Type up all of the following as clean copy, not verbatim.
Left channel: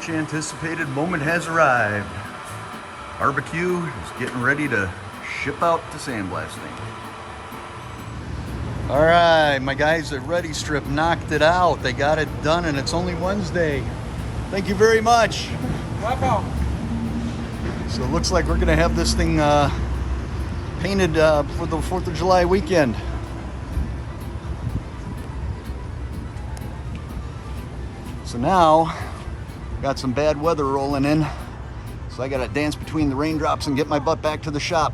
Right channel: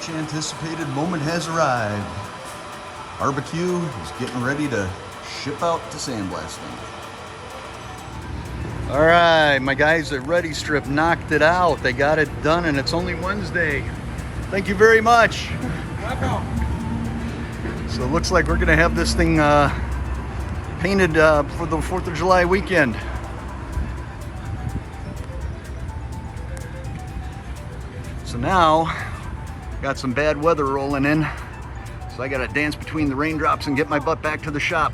much anticipated moment has arrived. Barbecue is getting ready to ship out to sandblasting. All right, my guys at Ready Strip knocked it out. They got it done, and it's only Wednesday. Thank you very much. Welcome. So it looks like we're gonna have this thing painted for the 4th of July weekend. So now, got some bad weather rolling in. So I gotta dance between the raindrops and get my butt back to the shop.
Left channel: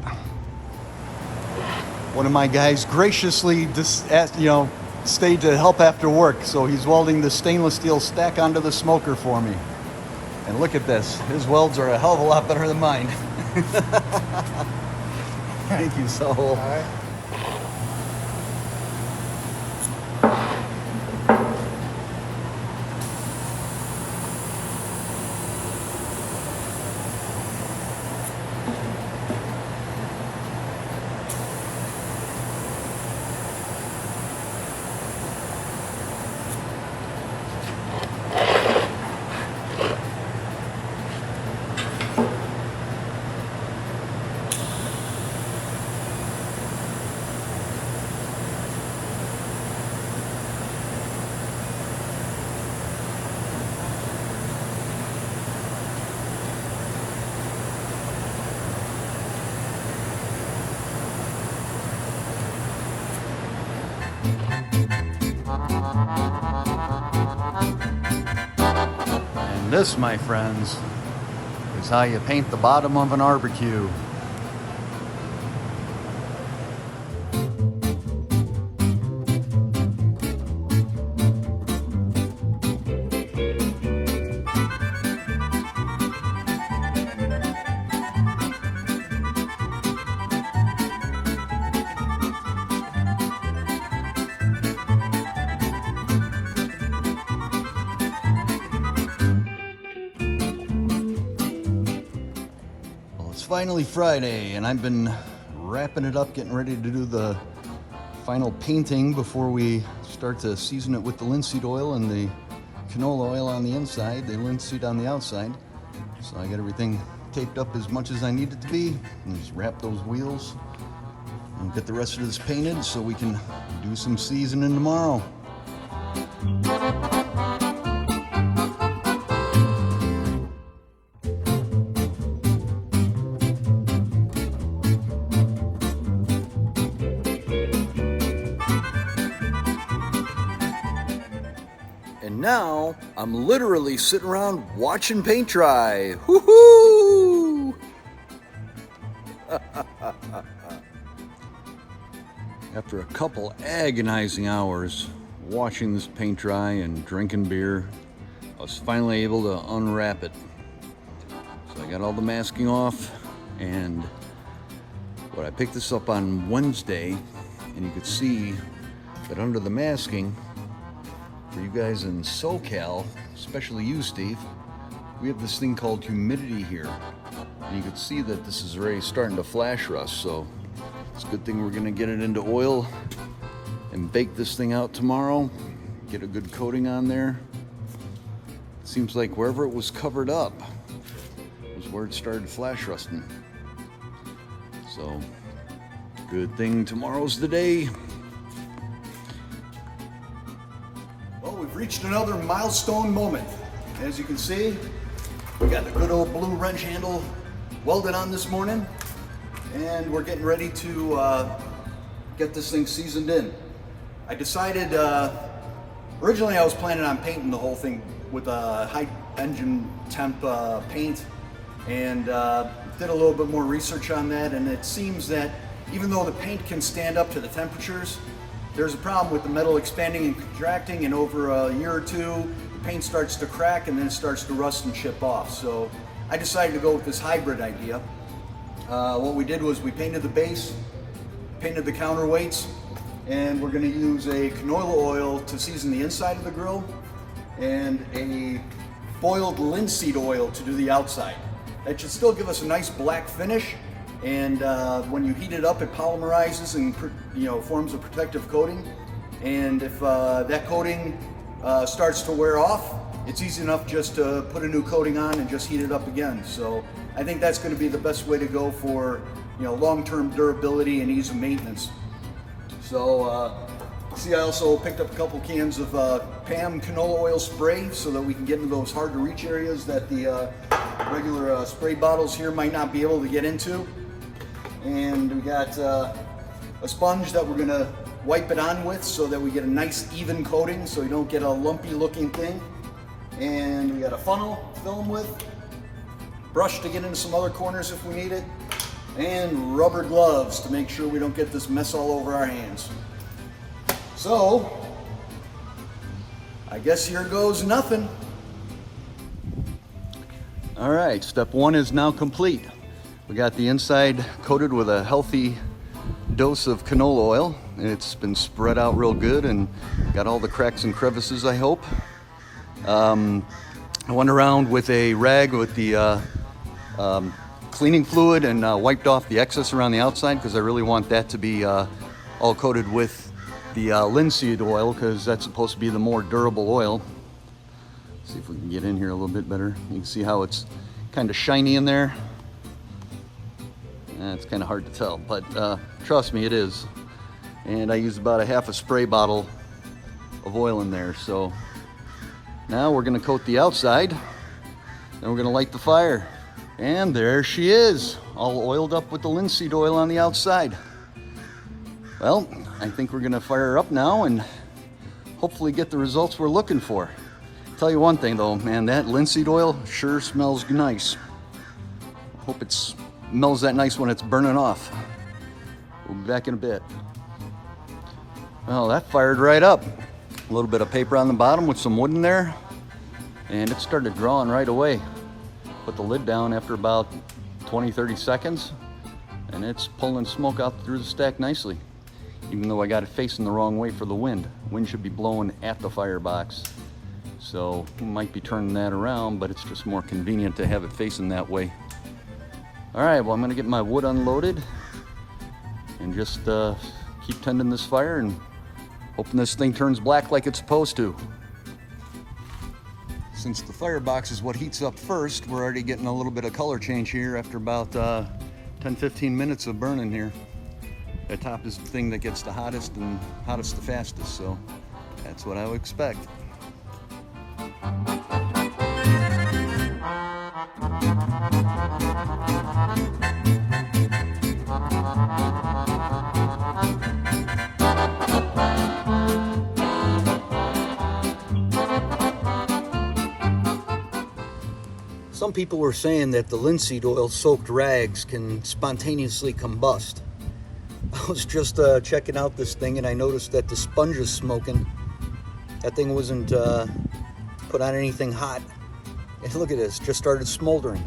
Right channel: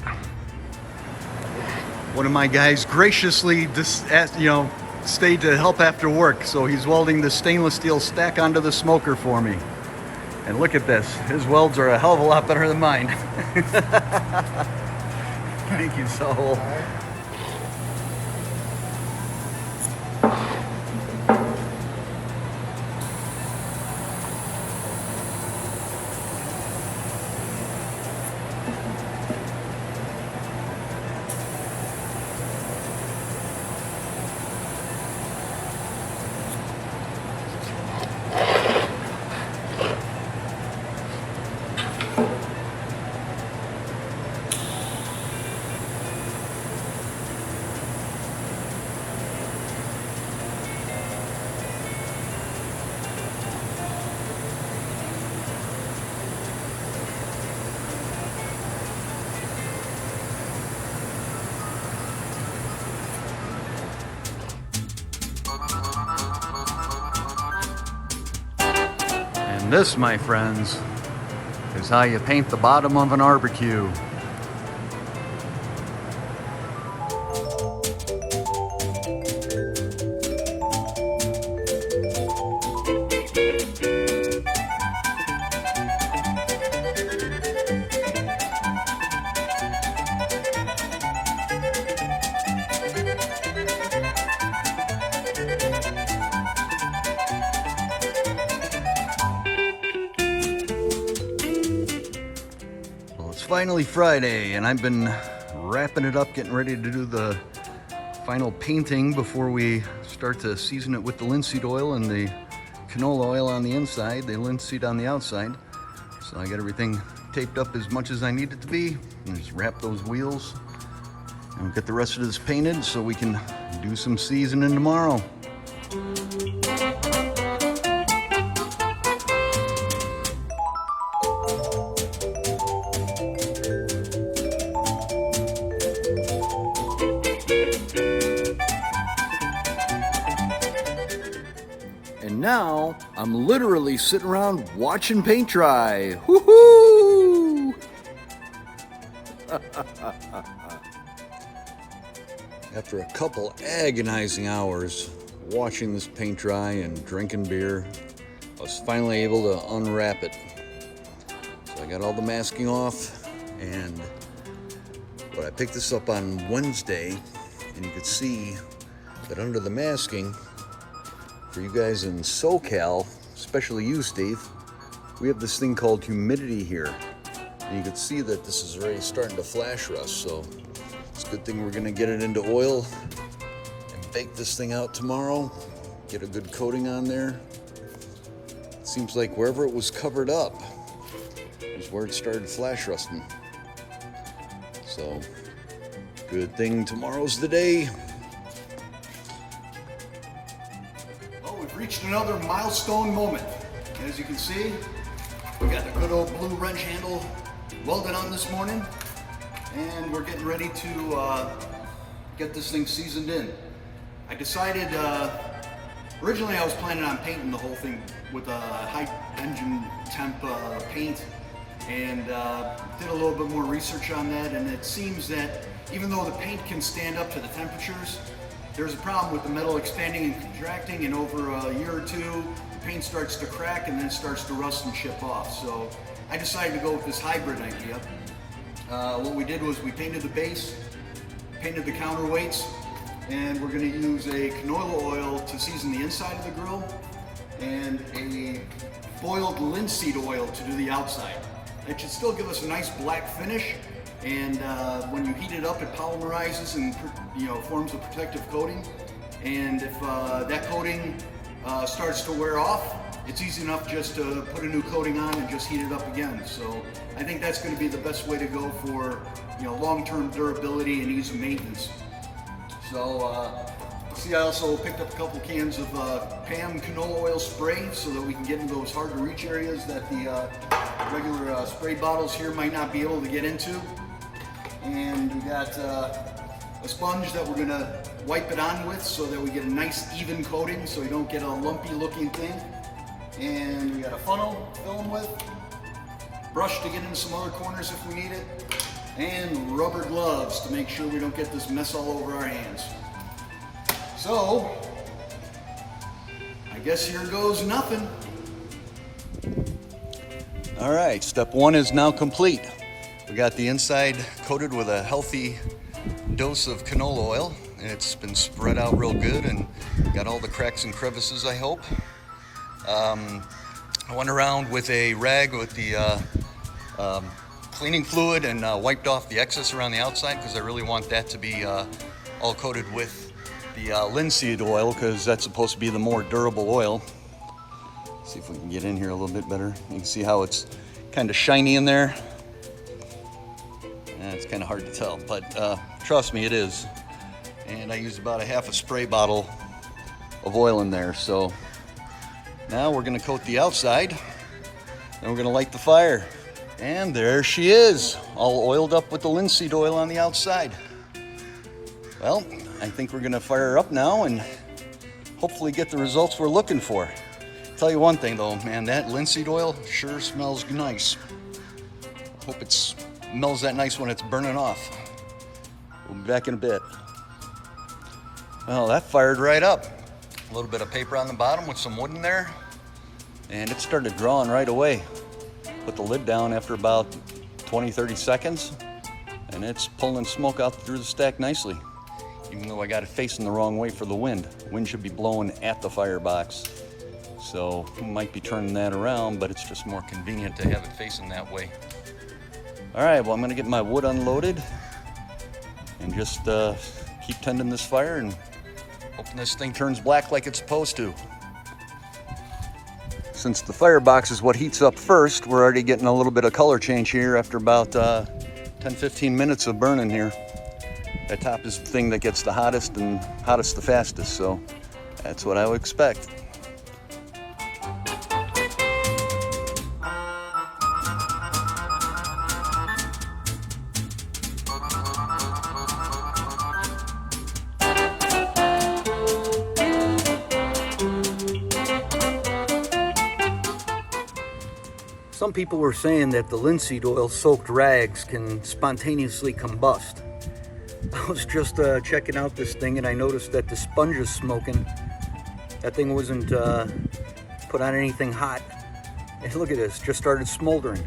One of my guys graciously stayed to help after work. So he's welding the stainless steel stack onto the smoker for me. And look at this, his welds are a hell of a lot better than mine. Thank you, Saul. And this, my friends, is how you paint the bottom of an barbecue. Finally Friday, and I've been wrapping it up, getting ready to do the final painting before we start to season it with the linseed oil and the canola oil on the inside, the linseed on the outside. So I got everything taped up as much as I need it to be, and just wrap those wheels and get the rest of this painted so we can do some seasoning tomorrow. And now, I'm literally sitting around watching paint dry. Woohoo! After a couple agonizing hours watching this paint dry and drinking beer, I was finally able to unwrap it. So I got all the masking off, and I picked this up on Wednesday, and you could see that under the masking, for you guys in SoCal, especially you, Steve, we have this thing called humidity here. And you can see that this is already starting to flash rust, so it's a good thing we're gonna get it into oil and bake this thing out tomorrow, get a good coating on there. It seems like wherever it was covered up is where it started flash rusting. So, good thing tomorrow's the day. We've reached another milestone moment. As you can see, we got the good old blue wrench handle welded on this morning, and we're getting ready to get this thing seasoned in. I decided, originally I was planning on painting the whole thing with a high engine temp paint, and did a little bit more research on that, and it seems that even though the paint can stand up to the temperatures, there's a problem with the metal expanding and contracting, and over a year or two, the paint starts to crack and then it starts to rust and chip off. So I decided to go with this hybrid idea. What we did was we painted the base, painted the counterweights, and we're gonna use a canola oil to season the inside of the grill, and a boiled linseed oil to do the outside. That should still give us a nice black finish, and when you heat it up, it polymerizes and forms a protective coating. And if that coating starts to wear off, it's easy enough just to put a new coating on and just heat it up again. So I think that's going to be the best way to go for, you know, long-term durability and ease of maintenance. So see, I also picked up a couple cans of PAM canola oil spray so that we can get into those hard to reach areas that the regular spray bottles here might not be able to get into. And we got a sponge that we're gonna wipe it on with so that we get a nice even coating so you don't get a lumpy looking thing. And we got a funnel to fill them with, brush to get into some other corners if we need it, and rubber gloves to make sure we don't get this mess all over our hands. So, I guess here goes nothing. All right, step one is now complete. We got the inside coated with a healthy dose of canola oil. It's been spread out real good and got all the cracks and crevices, I hope. I went around with a rag with the cleaning fluid and wiped off the excess around the outside because I really want that to be all coated with the linseed oil because that's supposed to be the more durable oil. See if we can get in here a little bit better. You can see how it's kind of shiny in there. Yeah, it's kind of hard to tell, but trust me, it is. And I used about a half a spray bottle of oil in there. So now we're gonna coat the outside, then we're gonna light the fire. And there she is, all oiled up with the linseed oil on the outside. Well, I think we're gonna fire her up now and hopefully get the results we're looking for. Tell you one thing though, man, that linseed oil sure smells nice. Hope it smells that nice when it's burning off. We'll be back in a bit. Well, that fired right up. A little bit of paper on the bottom with some wood in there, and it started drawing right away. Put the lid down after about 20-30 seconds, and it's pulling smoke out through the stack nicely, even though I got it facing the wrong way for the wind. Wind should be blowing at the firebox, so we might be turning that around, but it's just more convenient to have it facing that way. All right, well, I'm gonna get my wood unloaded and just keep tending this fire and hoping this thing turns black like it's supposed to. Since the firebox is what heats up first, we're already getting a little bit of color change here after about 10-15 minutes of burning here. That top is the thing that gets the hottest and hottest the fastest, so that's what I would expect. Some people were saying that the linseed oil soaked rags can spontaneously combust. I was just checking out this thing and I noticed that the sponge is smoking. That thing wasn't put on anything hot. And look at this, just started smoldering.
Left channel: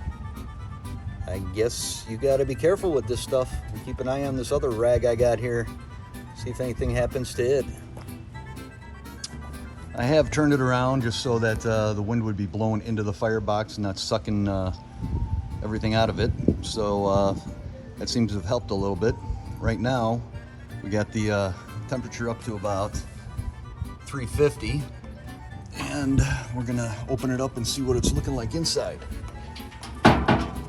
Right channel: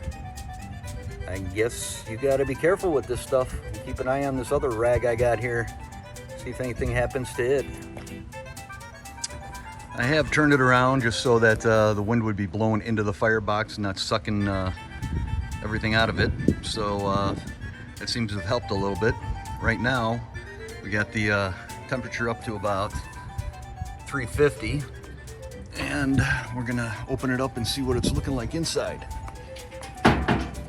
I guess you gotta be careful with this stuff and keep an eye on this other rag I got here. See if anything happens to it. I have turned it around just so that the wind would be blowing into the firebox and not sucking everything out of it. So that seems to have helped a little bit. Right now, we got the temperature up to about 350. And we're gonna open it up and see what it's looking like inside.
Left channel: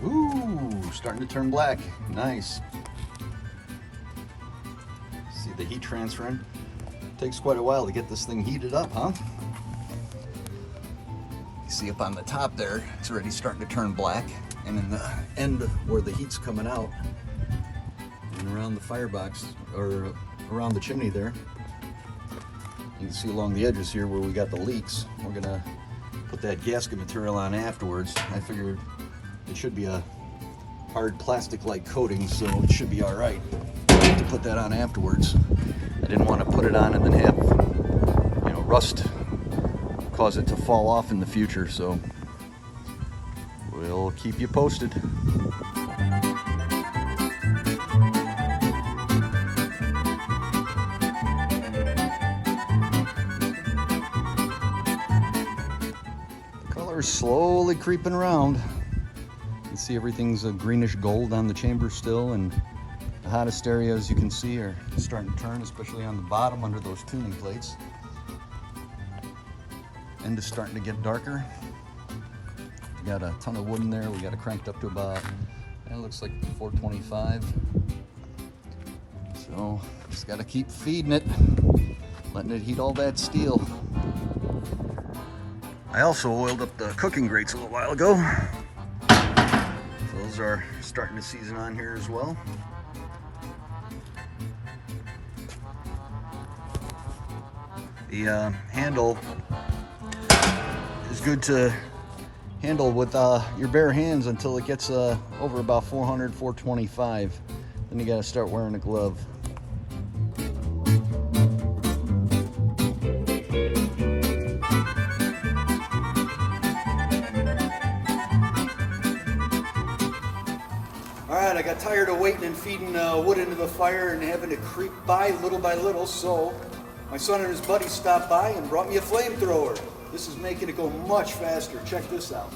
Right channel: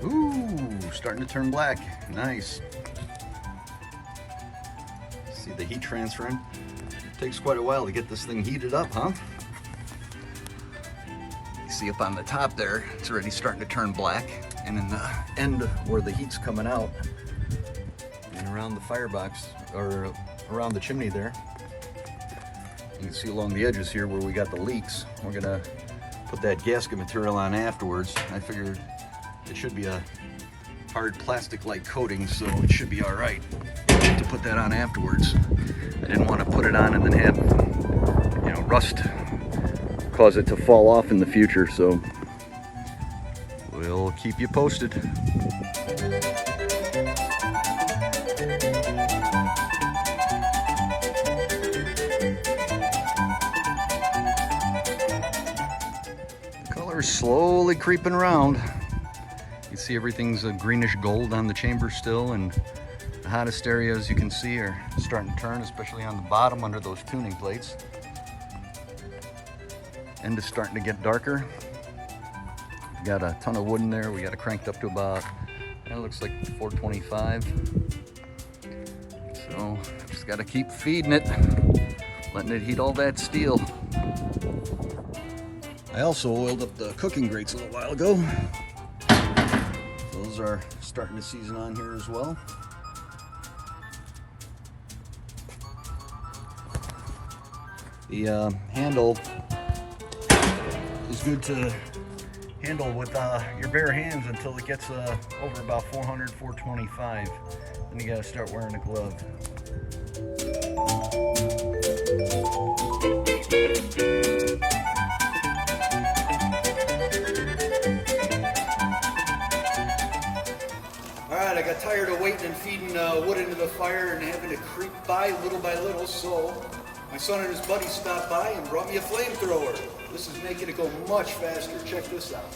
Ooh, starting to turn black. Nice. See the heat transferring. Takes quite a while to get this thing heated up, huh? You see up on the top there, it's already starting to turn black. And in the end where the heat's coming out and around the firebox, or around the chimney there, you can see along the edges here where we got the leaks. We're gonna put that gasket material on afterwards. I figured it should be a hard plastic-like coating, so it should be all right to put that on afterwards. I didn't want to put it on and then have, you know, rust cause it to fall off in the future, so we'll keep you posted. The color is slowly creeping around. You can see everything's a greenish gold on the chamber still, and the hottest areas you can see are starting to turn, especially on the bottom under those tuning plates. end is starting to get darker. We got a ton of wood in there. We got it cranked up to about, it looks like 425. So just got to keep feeding it, letting it heat all that steel. I also oiled up the cooking grates a little while ago. Those are starting to season on here as well. The handle is good to handle with your bare hands until it gets over about 400, 425. Then you gotta start wearing a glove. Alright, I got tired of waiting and feeding wood into the fire and having to creep by little, so my son and his buddy stopped by and brought me a flamethrower. This is making it go much faster. Check this out.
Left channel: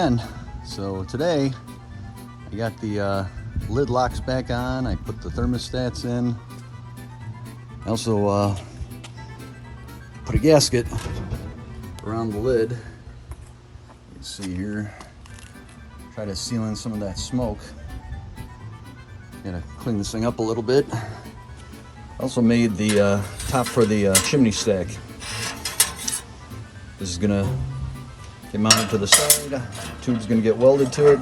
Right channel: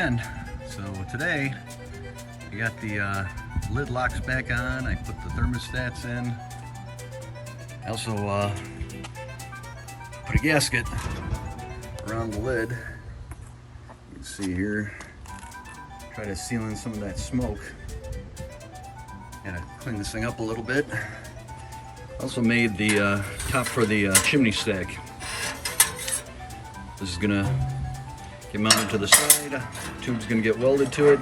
again. So today I got the lid locks back on. I put the thermostats in. I also put a gasket around the lid. You can see here. Try to seal in some of that smoke. Gotta clean this thing up a little bit. Also made the top for the chimney stack. This is gonna get mounted to the side. Tube's gonna get welded to it.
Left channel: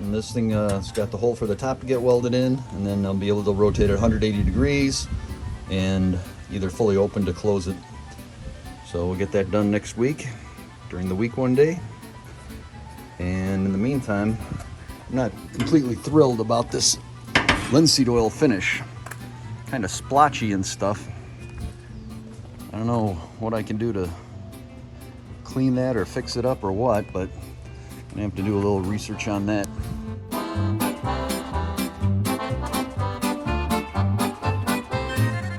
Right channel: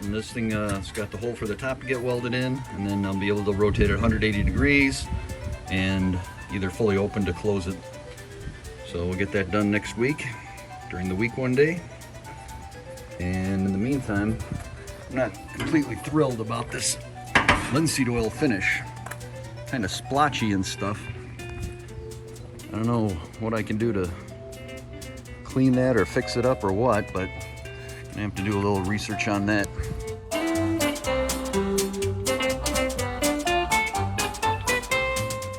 And this thing, it's got the hole for the top to get welded in. And then I'll be able to rotate it 180 degrees and either fully open to close it. So we'll get that done next week, during the week one day. And in the meantime, I'm not completely thrilled about this linseed oil finish. Kind of splotchy and stuff. I don't know what I can do to clean that or fix it up or what, but I have to do a little research on that.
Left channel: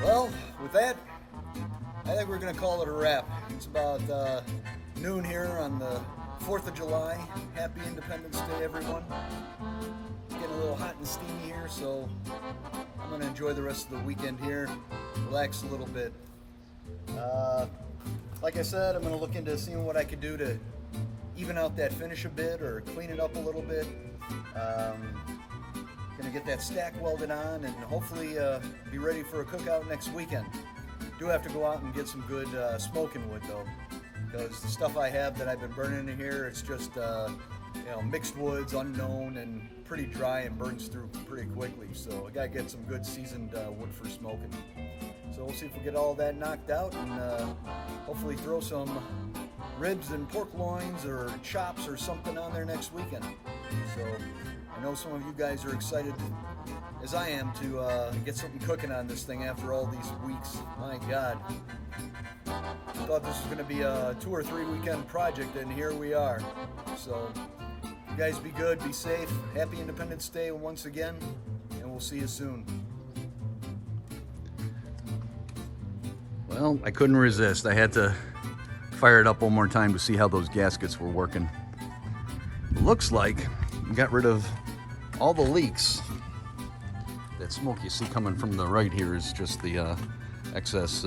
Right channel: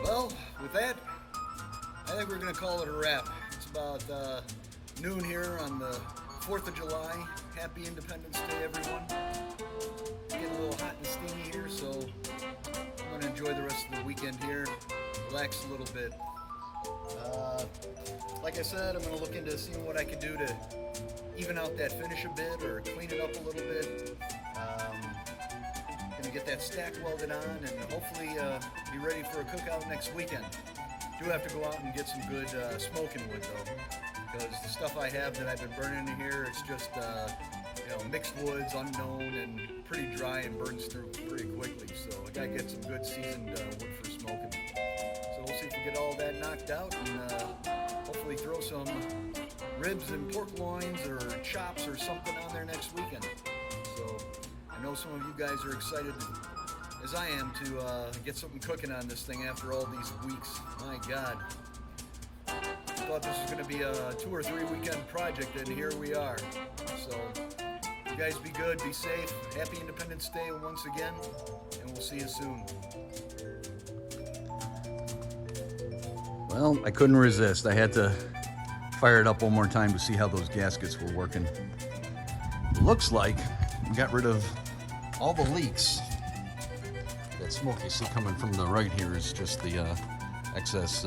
Well, with that, I think we're gonna call it a wrap. It's about noon here on the 4th of July. Happy Independence Day, everyone. Getting a little hot and steamy here, so I'm gonna enjoy the rest of the weekend here, relax a little bit. Like I said, I'm gonna look into seeing what I can do to even out that finish a bit or clean it up a little bit. Gonna get that stack welded on and hopefully be ready for a cookout next weekend. Do have to go out and get some good smoking wood though, because the stuff I have that I've been burning in here, it's just you know, mixed woods, unknown, and pretty dry and burns through pretty quickly. So I gotta get some good seasoned wood for smoking. So we'll see if we get all that knocked out and hopefully throw some ribs and pork loins or chops or something on there next weekend. So I know some of you guys are excited, as I am, to get something cooking on this thing after all these weeks. My God. I thought this was going to be a 2 or 3 weekend project, and here we are. So you guys be good, be safe. Happy Independence Day once again, and we'll see you soon. Well, I couldn't resist. I had to fire it up one more time to see how those gaskets were working. It looks like we got rid of all the leaks. That smoke you see coming from the right here is just the excess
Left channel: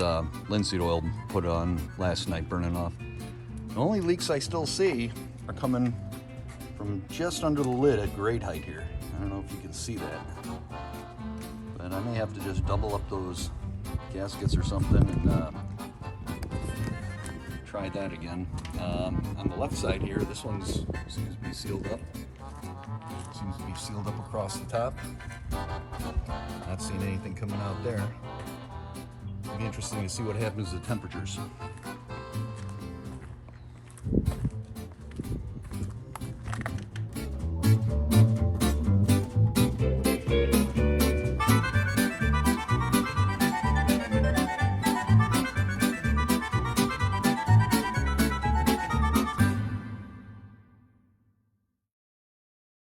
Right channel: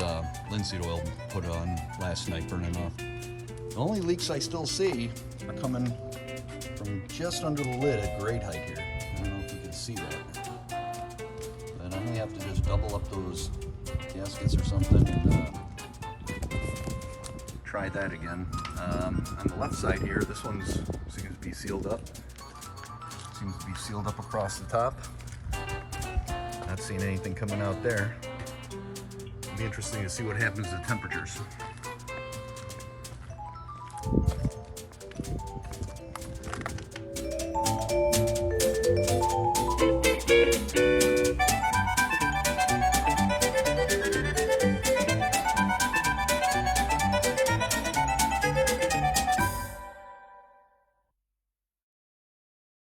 linseed oil put on last night burning off. The only leaks I still see are coming from just under the lid at grade height here. I don't know if you can see that. But I may have to just double up those gaskets or something and try that again. On the left side here, this one seems to be sealed up. Seems to be sealed up across the top. Not seeing anything coming out there. It'll be interesting to see what happens to temperatures.